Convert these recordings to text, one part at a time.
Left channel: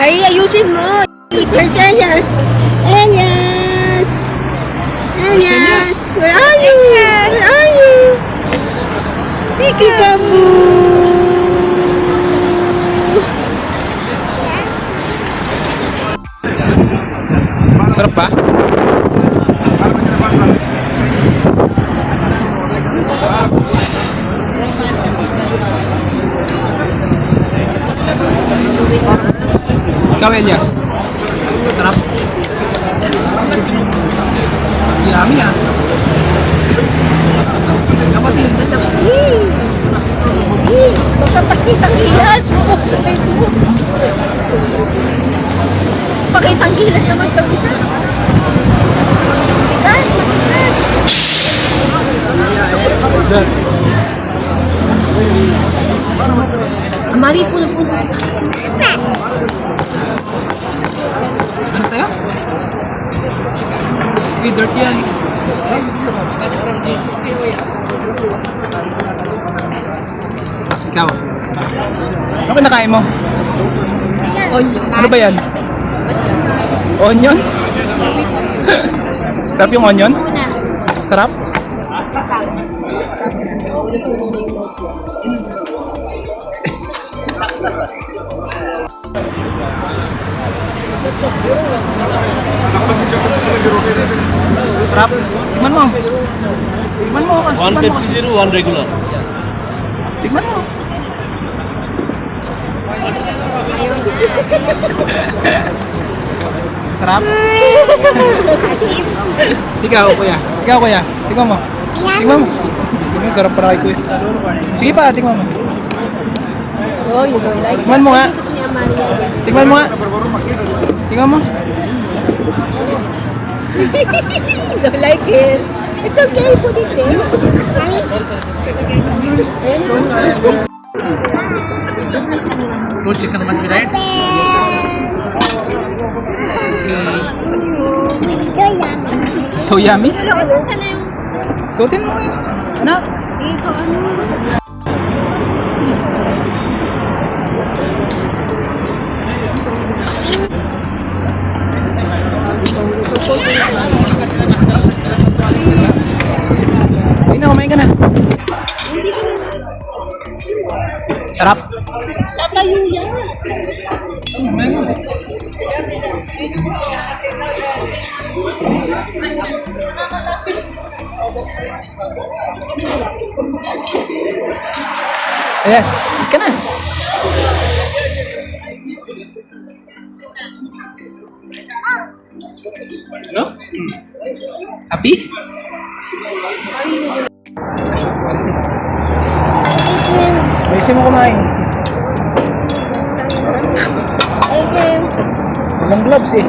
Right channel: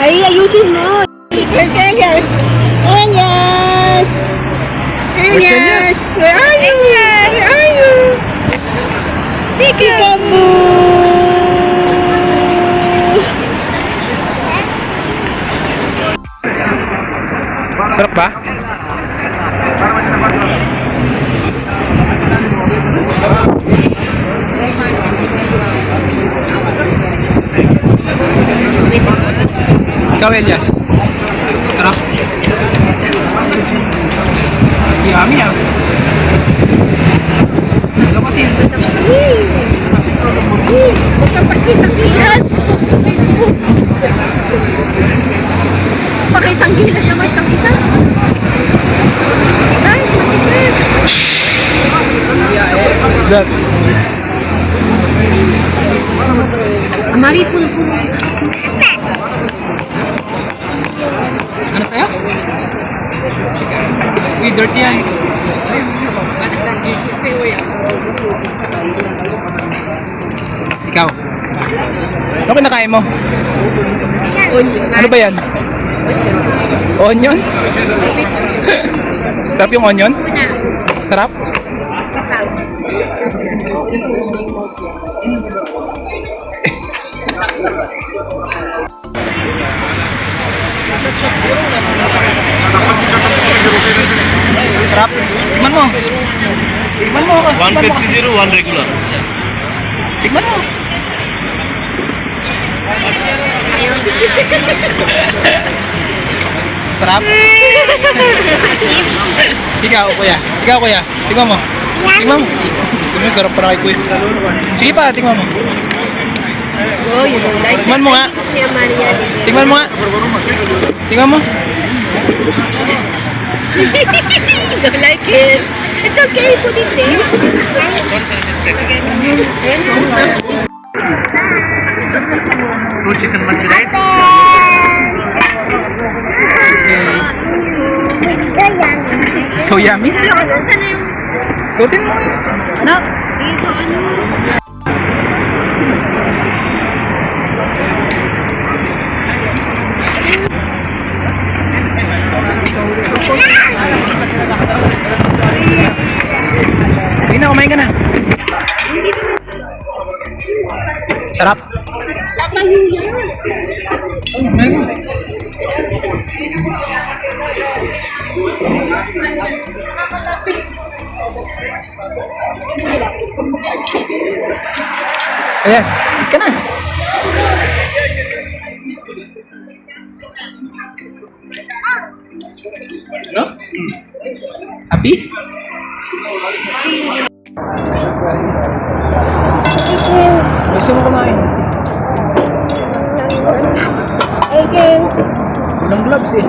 Ay, ayusin mo. Yes. Yes. Yes. Where are you? Where are you? Peekaboo. Sarap ba? Ikaw, Elias. Sarap. Yummy ah. Ano ba din? Magtampas kitang hilas. Pakitang hilas naman itong isa. Guys, matikman. What's that? Mari, puno-puno. Ano sa'yo? Uy, dirty yan. Ikaw. Ano kinakain mo? Ano ba yan? Onion? Sarap yung onion? Sarap? Sarap? Tikman mo. Tikman mo. One Pepsi Zero, one regular. Tikman mo. Sarap? Ikaw, kuya. Tingnan mo. Tingnan mo. Gusto mo, sarap para kay kuya. Sige pa, tingnan mo. Oh, you don't like Tingnan mo nga. siya, Maria. Tingnan mo nga. Tingnan mo. You don't like it. It's okay, put it there. Two chicken must be right? So yummy. Sana yung Suotin mo ngayon. Anak. Sige na, kumain ka na. Sarap. tatayo yan. Yes, eat ka na. No? Happy? Ayusin mo kumain. Walang gloves eh.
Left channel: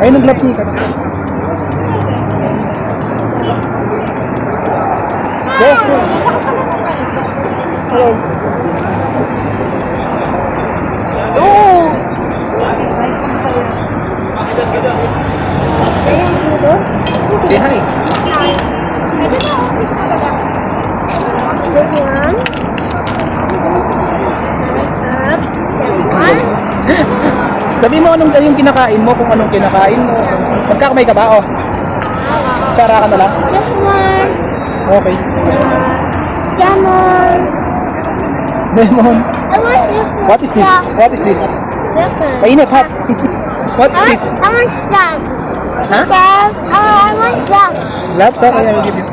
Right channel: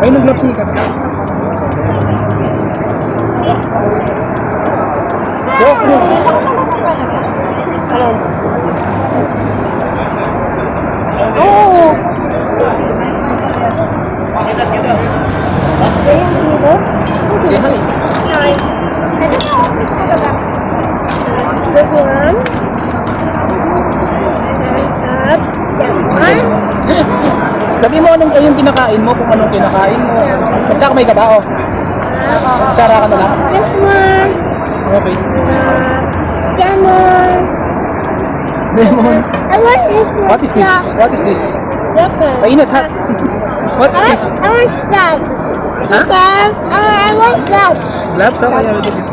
Ayun ang gloves niya. Go! Say hi. Good one. Up. That one. Sabi mo anong yung kinakain mo, kung anong kinakain mo. Magkakamay ka ba? Oh. Tsara ka na lang. This one. Okay. Lemon. Lemon. I want this one. What is this? What is this? Water. Painit hot. What is this? I want slab. Huh? Slab. I want slab. Labs? Okay, I'll give it.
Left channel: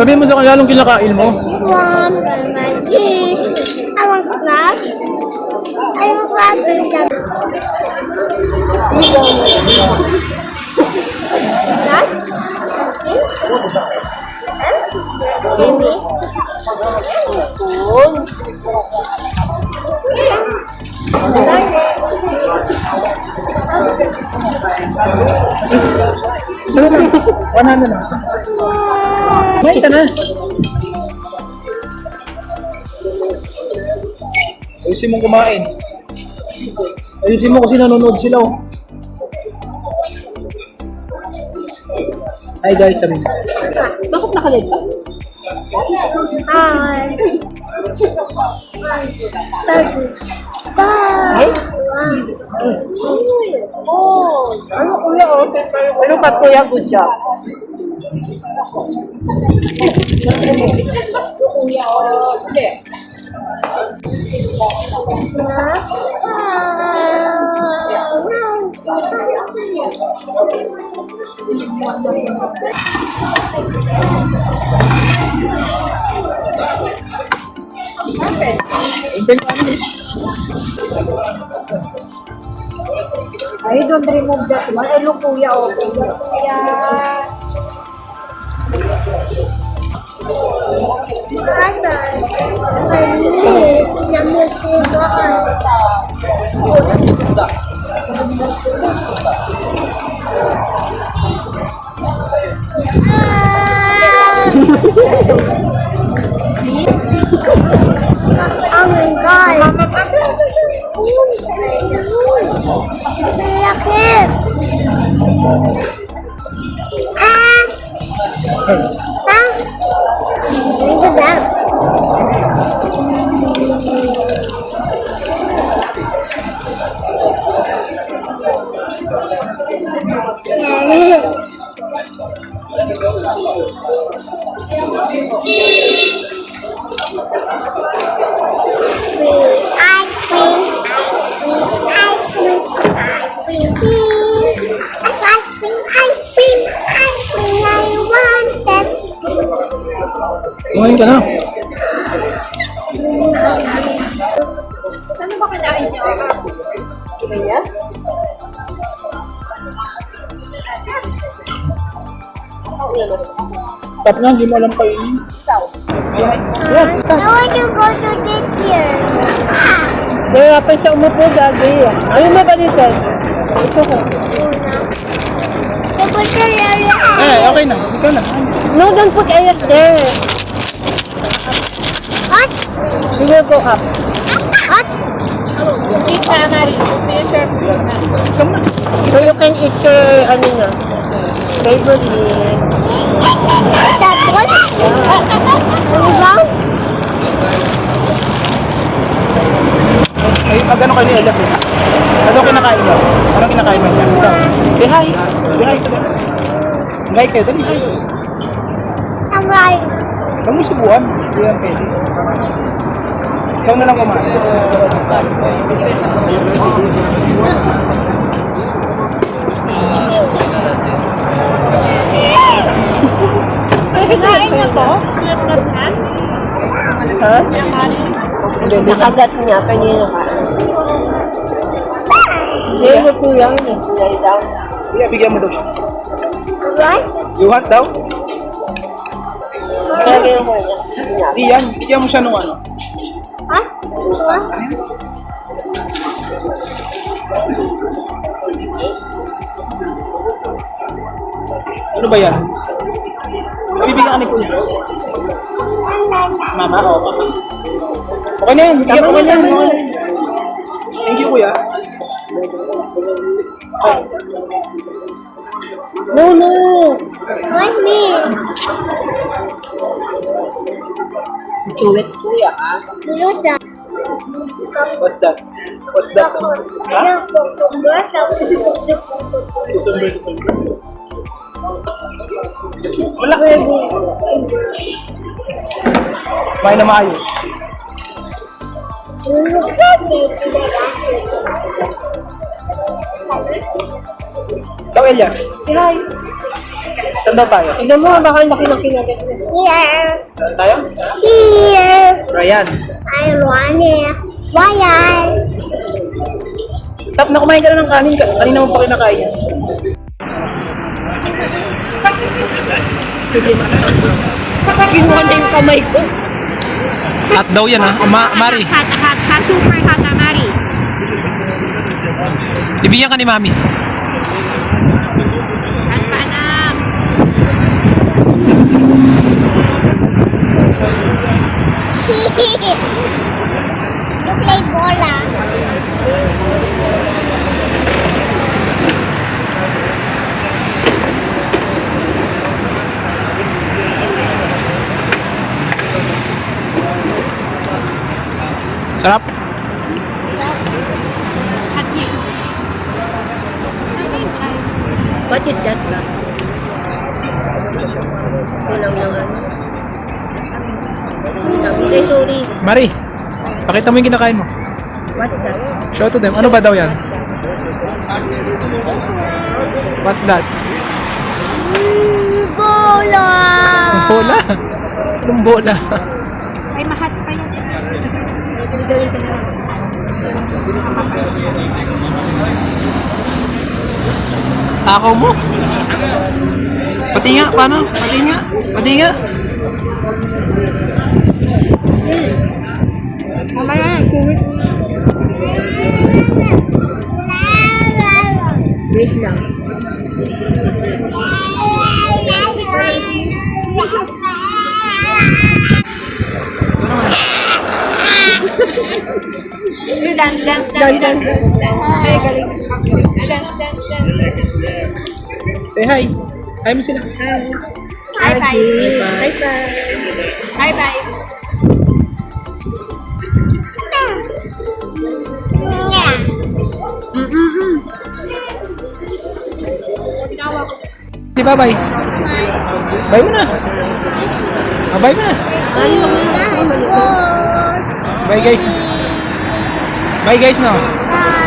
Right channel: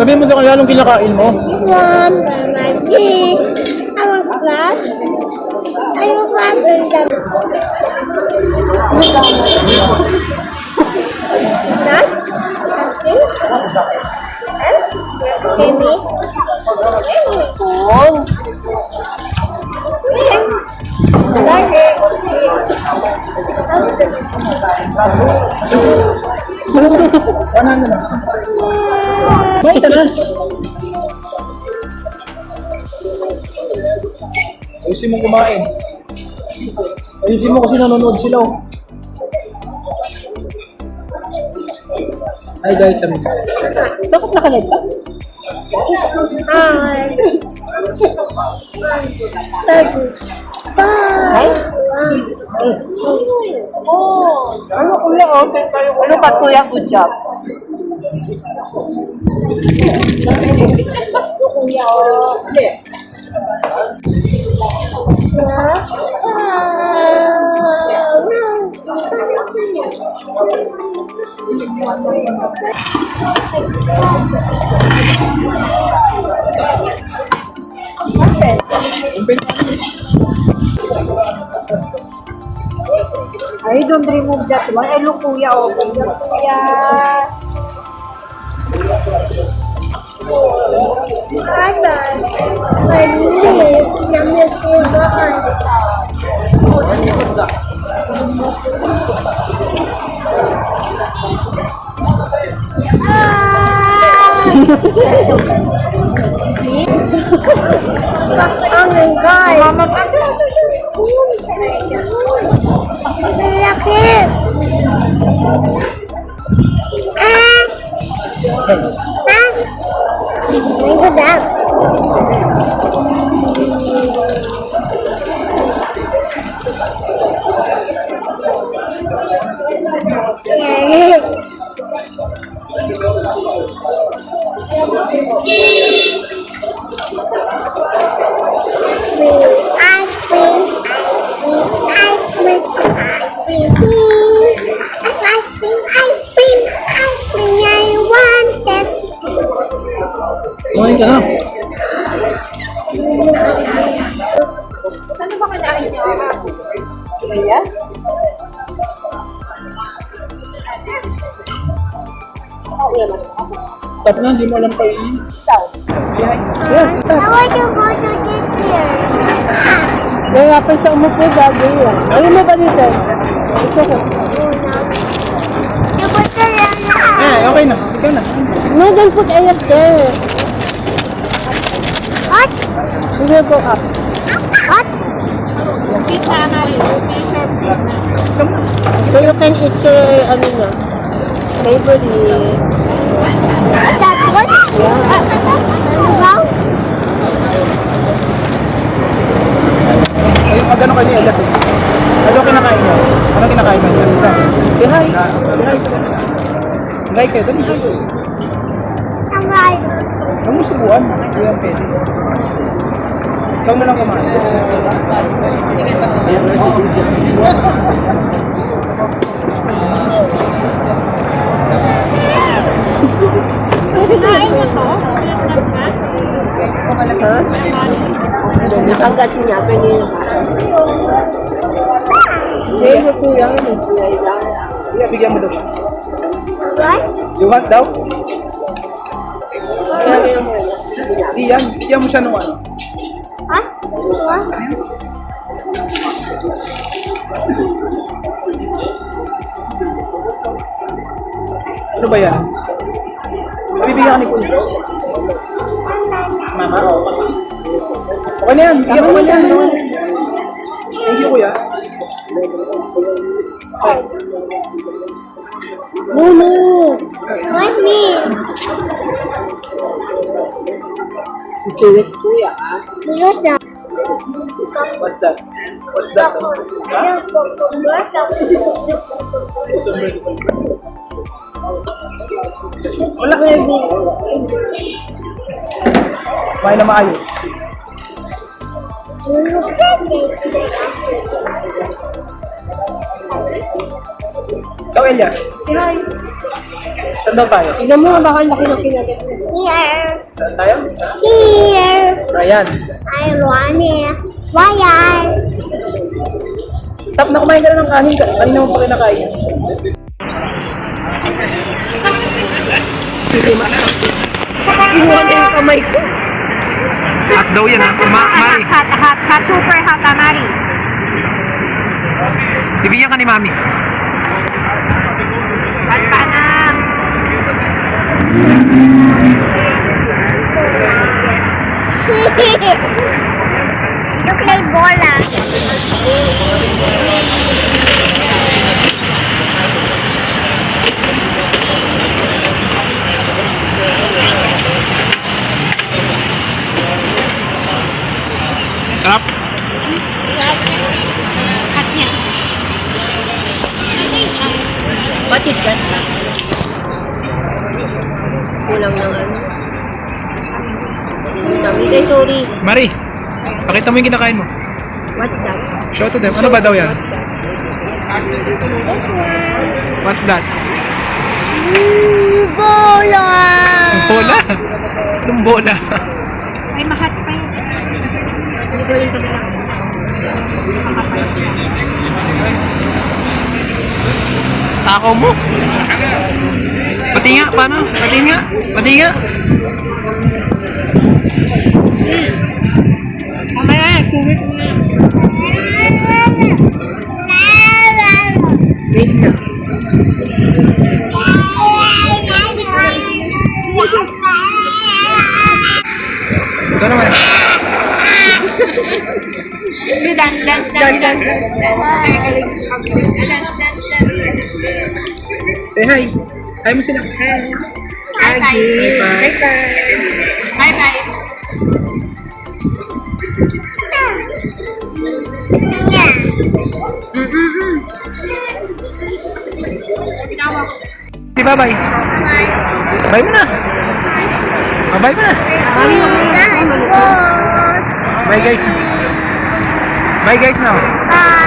Sabihin mo sa kanila anong kinakain mo. This one. My dish. I want slab. I want slab and slab. That? Something? Timmy? So, ano na? Kumain ka na. Ayusin mo kumain. Ayusin mo kasi nanonood sila. Oh. Hi guys, sabi mo. Dapat nakahead ka? Hi. Daddy. Bye. Ano kuya, oh? Ano ka kuya, good job. Kuya, oh. Ay, don't remove that one. Ay, look, kuya, oh. Kuya. Oh my God. Laki. Ah. Ah. Good job. Yeah. Ice cream, ice cream, ice cream, ice cream, ice cream, ice cream, I want it. Kumain ka na. Ano ba kinain niyo? Kuya? Tap nga, hindi mo alam pa yun. Yes, I want to go to this here. Kaya pa siya umupo, gagi. Ano mo ba dito? Ito ko. Una. Tapos na lang. okay na. Ikaw na. No, don't put air there. What? Sige po ka. What? Isang na. So you can eat your, ano na, favorite. That one? Ano ba? Ay, magano kayo ni Elas eh. Ano kinakain niyo? Anong kinakain mo niya? Ito. Say hi. Say hi. Hi kayo. Dali, hi. Alright. Huwag mo subuan. Hindi yan pwede. Ikaw na lang kumain. Nakagat niya, kanina. Hindi mo kuya. Iya, bigyan mo daw siya. What? You want daw? Di yan. Bigyan mo siya nung ano. What? What? Ano ba yan? Bibigyan ka ni Kuya. Mama, papa. Okay na yan. Bigyan ko na yan. Okay na yan. Thank you, Kuya. No, no. What me? Do it, kuya. What's that? What's that? What's that? Wala. Kumain na maayos. Ikaw, Elias. Say hi. Saan daw tayo? Tignan mo, baka laki ng kinagat niya. Here. Saan tayo? Here. Ryan. I want it. Why? Stop na, kumain ka na ng kanin. Kanina mo pa kinakain. Kinuha niya yung kamay ko. Hot daw yan ha. Mari. Hot, super hot, Mari. Ibigyan ka ni Mami. Look like bola. Sarap? What is that? Bilang naman. Hindi, sorry. Mari, pakita mo yung kinakain mo. What's that? Show to them. Ano ba daw yan? This one. What's that? Bola. Bola? Anong bola? Ay, mahat pa yun. Takaw mo? Pati nga, paano? Pati nga. Pati nga. Mamaya yan, kumit mo. Wait lang. Ito naman. You dance, dance, dance, dance, dance. Ay, galing. Dance, dance, dance. Say hi. Hi mo sila. Bye, bye. Bye bye. Bye, bye. Yeah. Di ba, bye? Bye. Bye mo na. Bye mo na. Bye. Bye guys na. Bye guys na. Bye.